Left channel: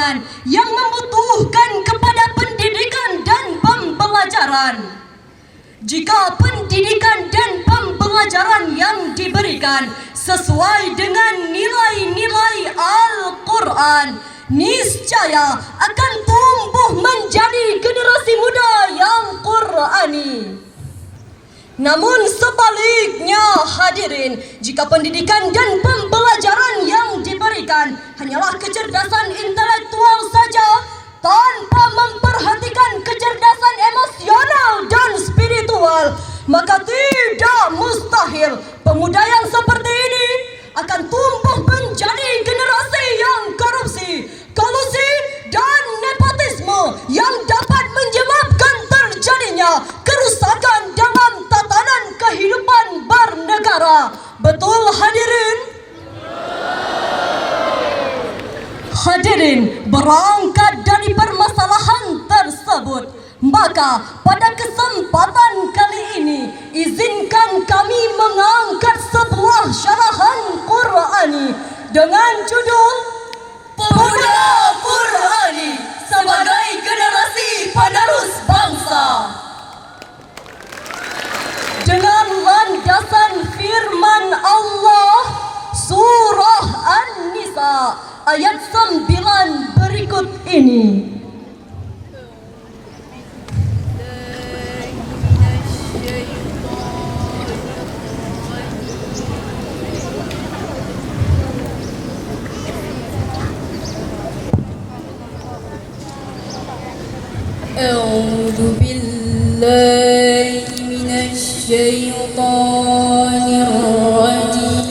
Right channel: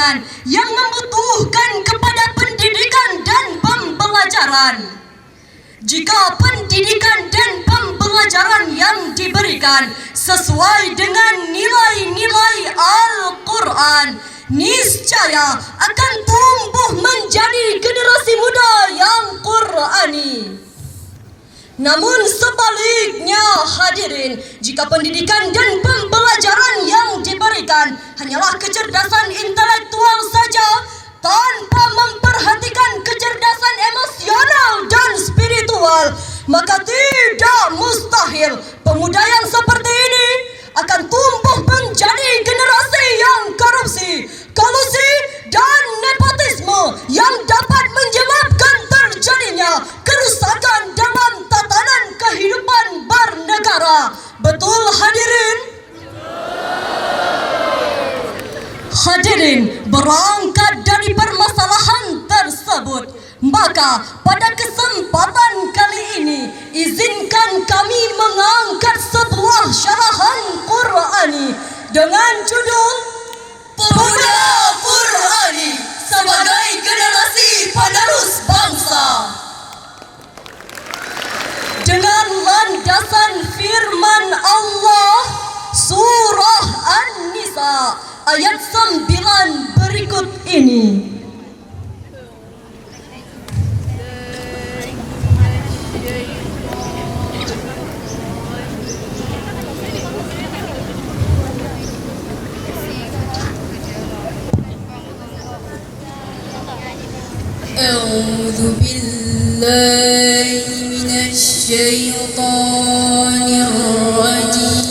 kalangan yang membutuhkan kepada pendidikan dan pembelajaran. Jika pendidikan dan pembelajaran yang diberikan sesuai dengan nilai-nilai Al-Quran, niscaya akan tumbuh menjadi generasi muda yang Qurani. Namun sebaliknya hadirin, jika pendidikan dan pembelajaran yang diberikan hanyalah kecerdasan intelektual saja tanpa memperhatikan kecerdasan emosional dan spiritual, maka tidak mustahil pemuda yang seperti ini akan tumbuh menjadi generasi yang korupsi, kolusi dan nepotisme yang dapat menyebabkan terjadinya kerusakan dalam tatanan kehidupan bernegara. Betul hadirin? Hadirin, berangkat dari permasalahan tersebut, maka pada kesempatan kali ini izinkan kami mengangkat sebuah syarahan Qurani dengan judul Pemuda Qurani sebagai generasi penerus bangsa. Dengan landasan firman Allah surah An-Nisa ayat 9 berikut ini. أعوذ بالله من الشيطان الرجيم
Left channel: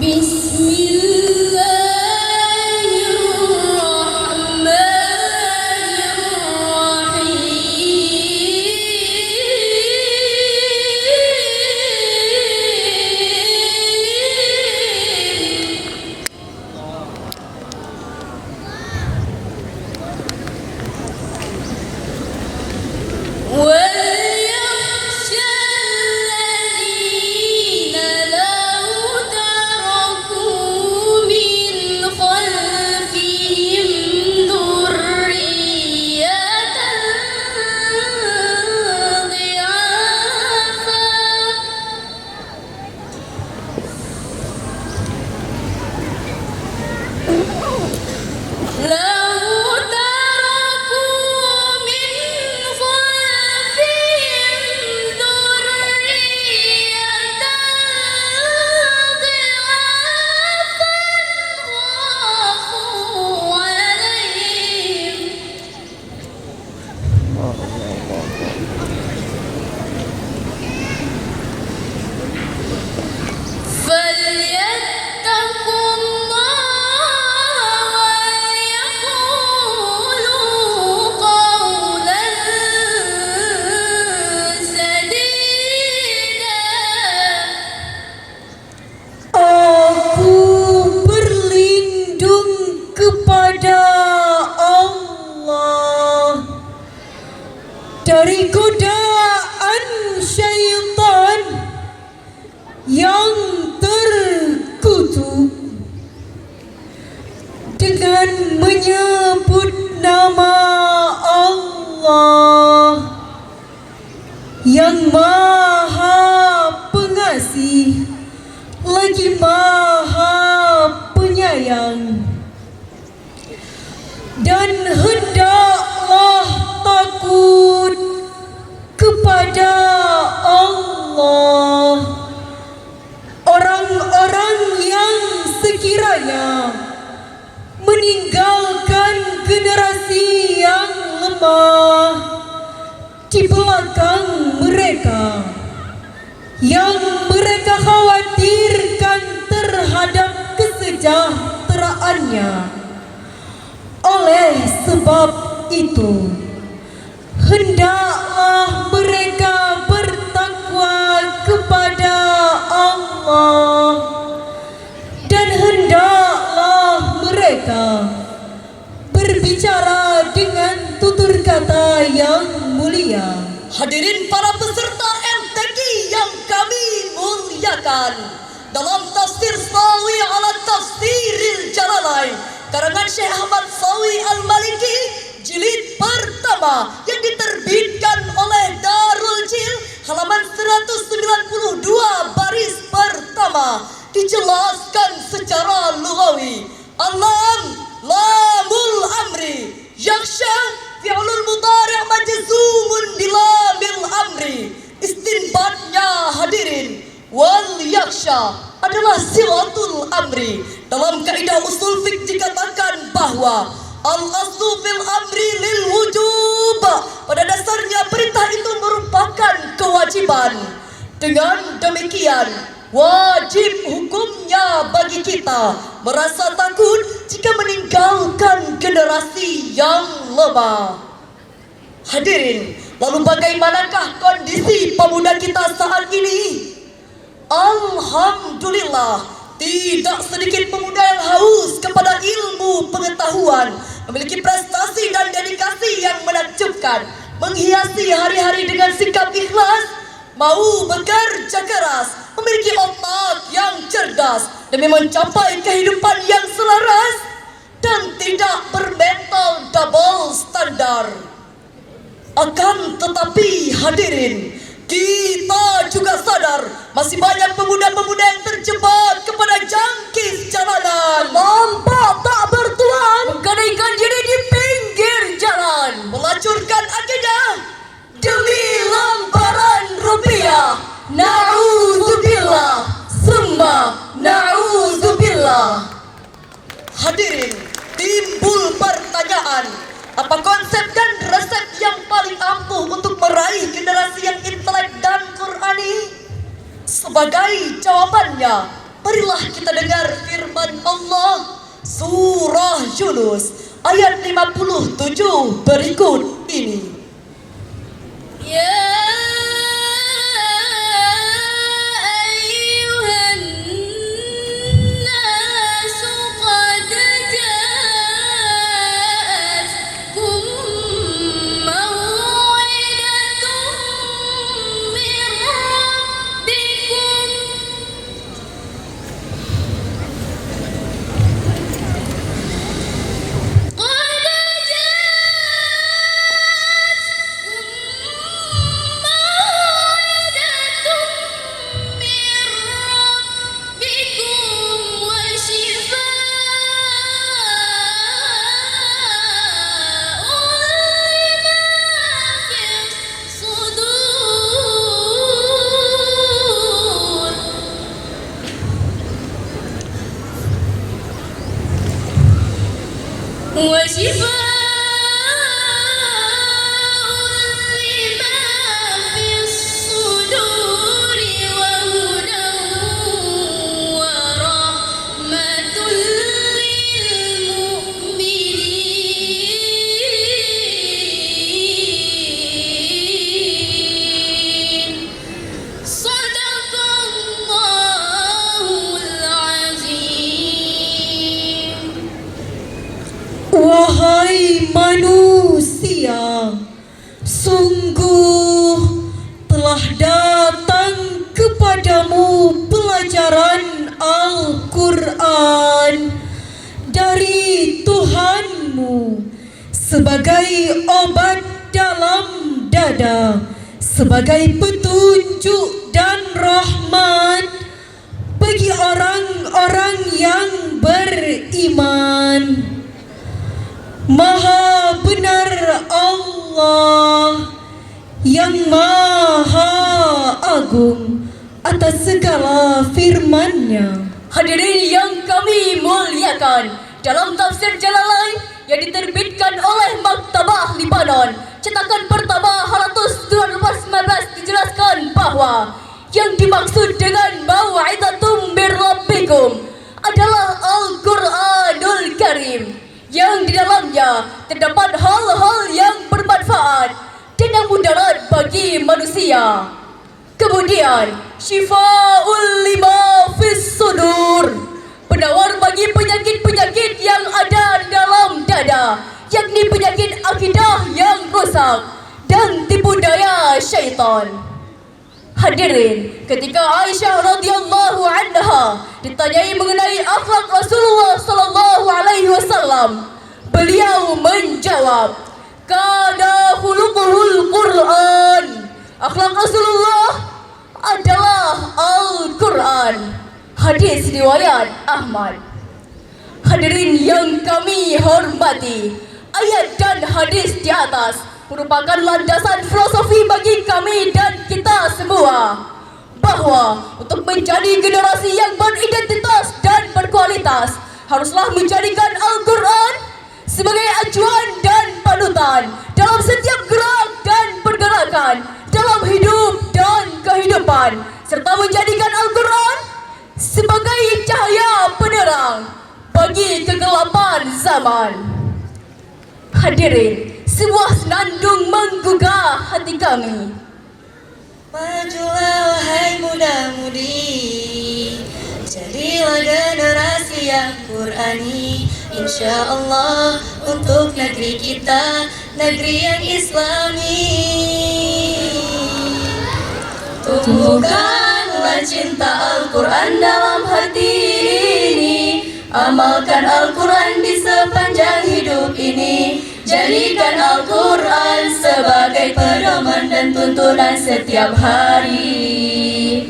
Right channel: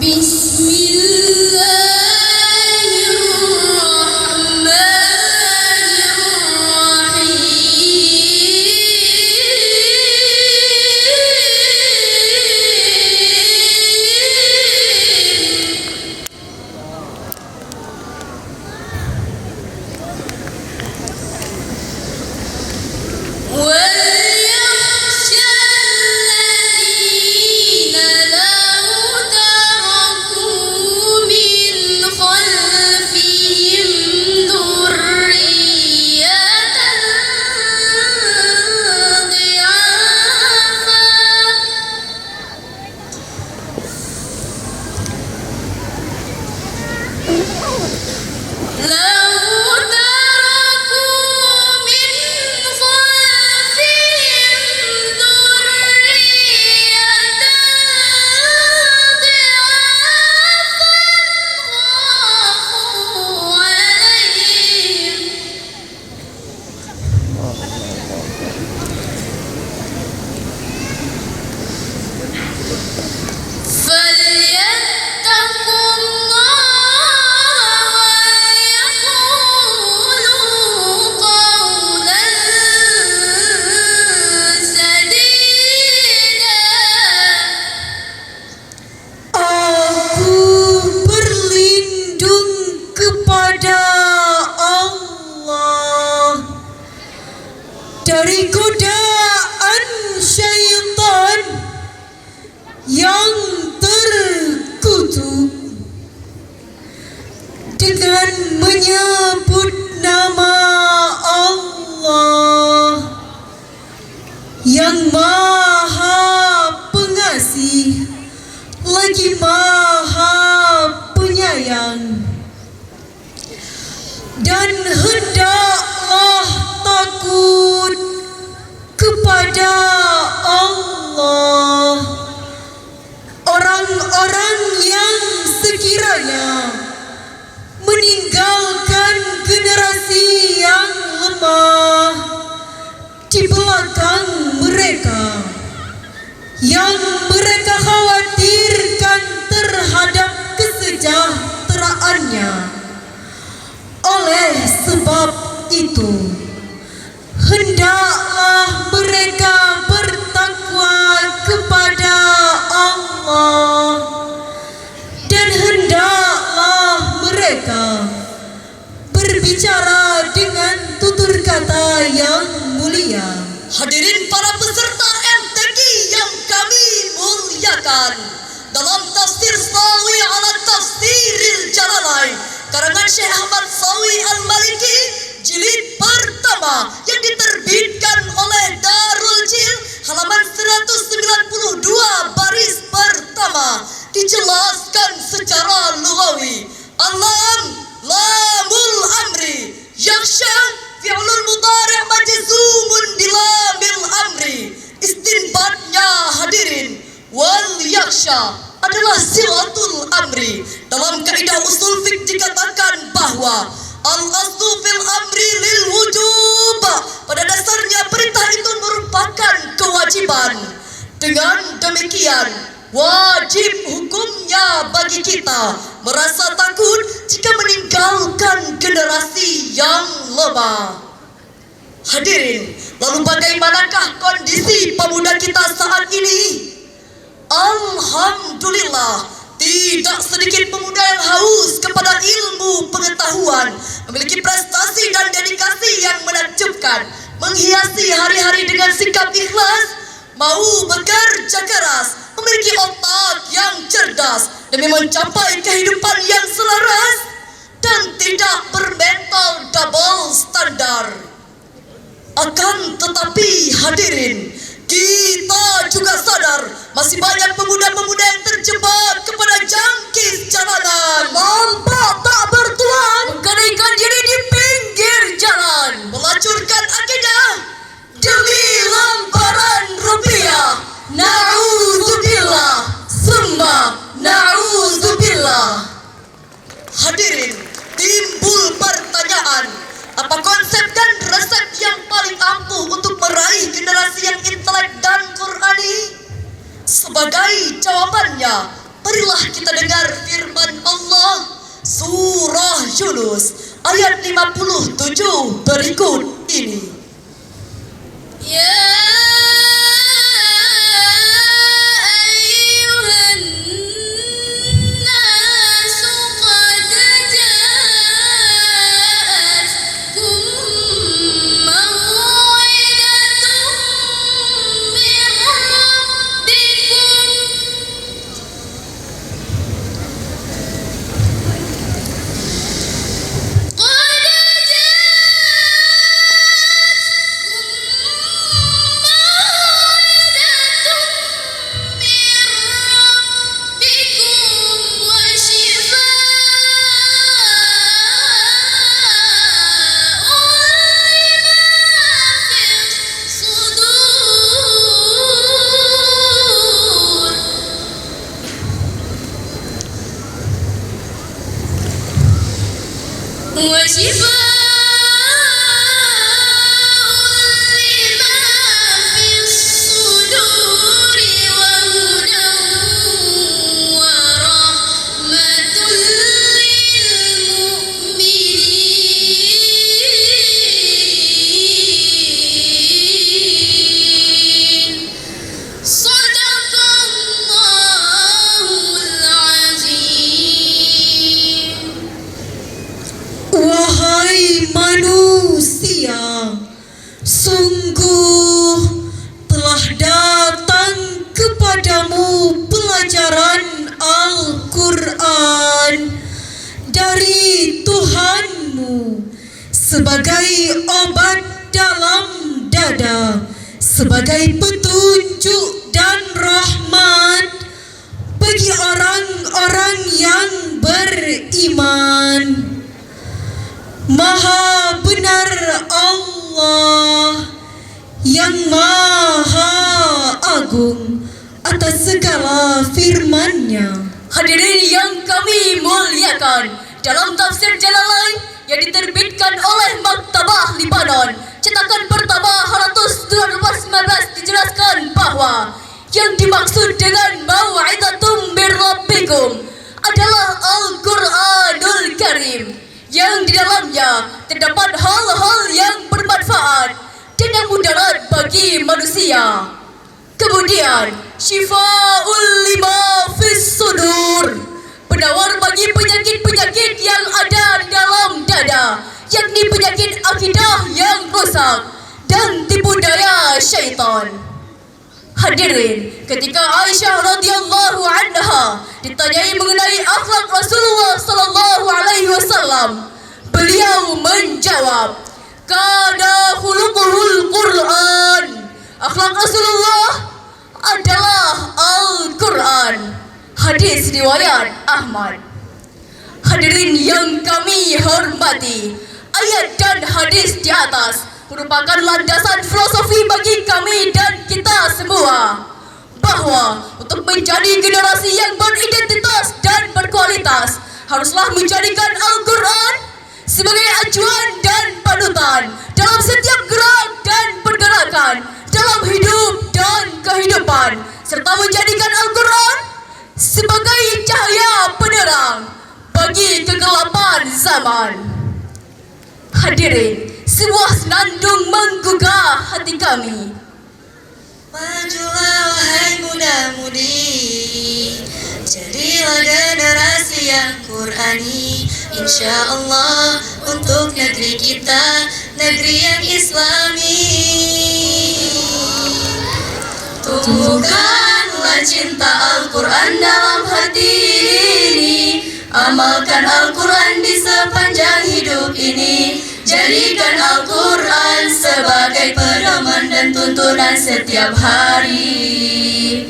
بسم الله الرحمن الرحيم وليخشى الذين لو تركوا من خلفهم ذرية فليتقوا الله ويقولوا قولا سديدا. Aku berlindung kepada Allah dari godaan syaitan yang terkutuk dengan menyebut nama Allah yang Maha Pengasih lagi Maha Penyayang. Dan hendaklah takut kepada Allah orang-orang yang sekiranya meninggalkan generasi yang lemah di belakang mereka, yang mereka khawatirkan terhadap kesejahteraannya. Oleh sebab itu, hendaklah mereka bertakwa kepada Allah dan hendaklah mereka berbicara dengan tutur kata yang mulia. Hadirin para peserta MTQ yang kami muliakan, dimuliakan. Dalam tafsir Sawi ala Tafsiril Jalalain karangan Syekh Ahmad Sawi Al-Maliki jilid pertama yang diterbitkan oleh Darul Jil halaman 192 baris pertama dijelaskan secara lughawi. Alam lamul amri yakhsha fi'lul mudhari' majzumun bilamil amri. Istinbatnya hadirin, wal yakhsha adalah silatul amri. Dalam kaidah usul fiqh dikatakan bahwa al-aslu fil amri lil wujub. Pada dasarnya perintah itu merupakan kewajiban. Dengan demikian, wajib hukumnya bagi kita merasa takut jika meninggalkan generasi yang lemah. Hadirin, lalu bagaimanakah kondisi pemuda kita saat ini? Alhamdulillah, tidak sedikit pemuda yang haus kepada ilmu pengetahuan, memiliki prestasi dan dedikasi yang menakjubkan, menghiasi hari-hari dengan sikap ikhlas, mau bekerja keras, memiliki otak yang cerdas demi mencapai kehidupan yang selaras dan tidak bermental double standar. Akan tetapi hadirin, kita juga sadar masih banyak pemuda-pemuda yang terjebak kepada jangkis jalanan, nampak tak bertuan, menggadaikan diri di pinggir jalan, melacurkan akidah demi lembaran rupiah. Na'udzubillah, summa na'udzubillah. Hadirin, timbul pertanyaan, apa konsep dan resep yang paling ampuh untuk meraih generasi yang intelek dan Qur'ani? Sebagai jawabannya, marilah kita dengar firman Allah Surah Yunus ayat 57 berikut ini. Ya Wahai manusia, sungguh telah datang kepadamu pelajaran Al-Quran dari Tuhanmu sebagai obat dalam dada, sebagai petunjuk dan rahmat bagi orang-orang yang beriman. Maha benar Allah yang Maha Agung atas segala firman-Nya. Hadirin yang kami muliakan, dalam tafsir Jalalain yang diterbitkan oleh Maktabah Libanon, cetakan pertama halatus 2019 dijelaskan bahwa yang dimaksud dengan mau'izatum birrabbikum adalah Al-Quranul Karim, yang di dalamnya terdapat hal-hal yang bermanfaat dan yang mudarat bagi manusia. Kemudian, syifa'ul lima fis sudur, penawar bagi penyakit-penyakit yang ada dalam dada, yakni penyakit akidah yang rosak dan tipu daya syaitan. Hadirin, ketika Aisyah radhiyallahu anha ditanyai mengenai akhlak Rasulullah sallallahu alaihi wasallam, beliau menjawab, "Kana khuluquhul Qur'an." Akhlak Rasulullah adalah Al-Quran. Hadis riwayat Ahmad. Hadirin yang kami hormati, ayat dan hadis di atas merupakan landasan filosofi bagi kami dan kita semua, bahwa untuk menjadi generasi yang beridentitas dan berkualitas haruslah menjadikan Al-Quran sebagai acuan dan panutan dalam setiap gerak dan pergerakan dalam hidup dan kehidupan, serta menjadikan Al-Quran sebagai cahaya penerang bagi kegelapan zaman. Hadirin, sebuah senandung menggugah hati kami. Majulah wahai muda-mudi, jadilah generasi yang Qur'ani, insya Allah untuk negeri kita, negeri yang Islami. Tumbuhkanlah cinta Al-Quran dalam hati ini, amalkan Al-Quran di sepanjang hidup ini, jadikan Al-Quran sebagai pedoman dan tuntunan setiap hari.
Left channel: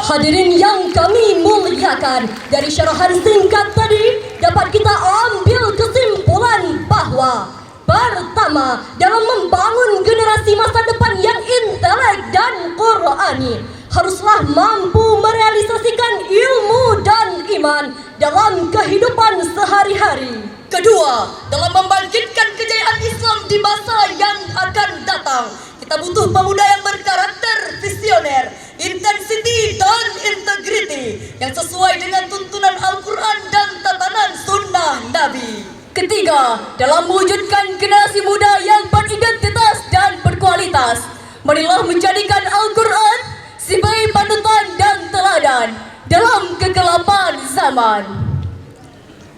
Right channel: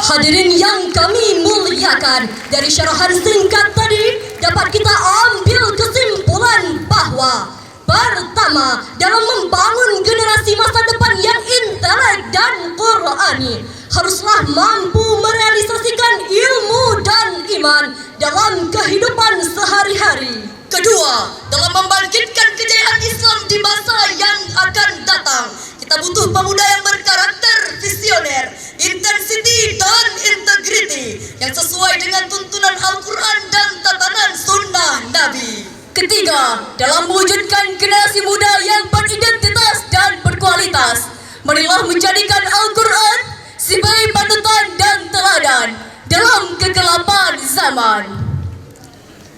Hadirin yang kami muliakan, dari syarahan singkat tadi dapat kita ambil kesimpulan bahwa pertama, dalam membangun generasi masa depan yang intelek dan Qur'ani, haruslah mampu merealisasikan ilmu dan iman dalam kehidupan sehari-hari. Kedua, dalam membangkitkan kejayaan Islam di masa yang akan datang, kita butuh pemuda yang berkarakter visioner, intensity dan integrity yang sesuai dengan tuntunan Al-Quran dan tatanan sunnah Nabi. Ketiga, dalam mewujudkan generasi muda yang beridentitas dan berkualitas, marilah menjadikan Al-Quran sebagai panutan dan teladan dalam kegelapan zaman.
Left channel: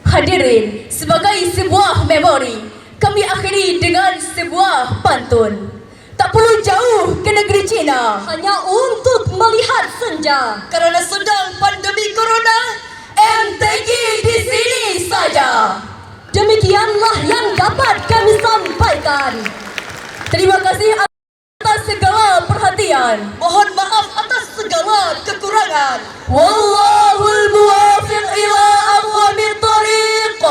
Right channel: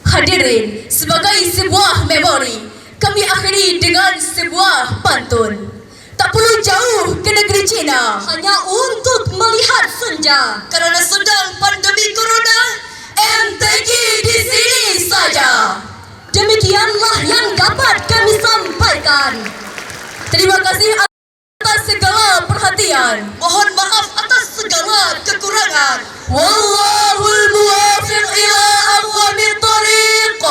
Hadirin, sebagai sebuah memori, kami akhiri dengan sebuah pantun. Tak perlu jauh ke negeri Cina hanya untuk melihat senja, karena sedang pandemi corona, MTQ di sini saja. Demikianlah yang dapat kami sampaikan. Terima kasih atas segala perhatian. Mohon maaf atas segala kekurangan. Wallahul muwaffiq ila aqwamit thariq.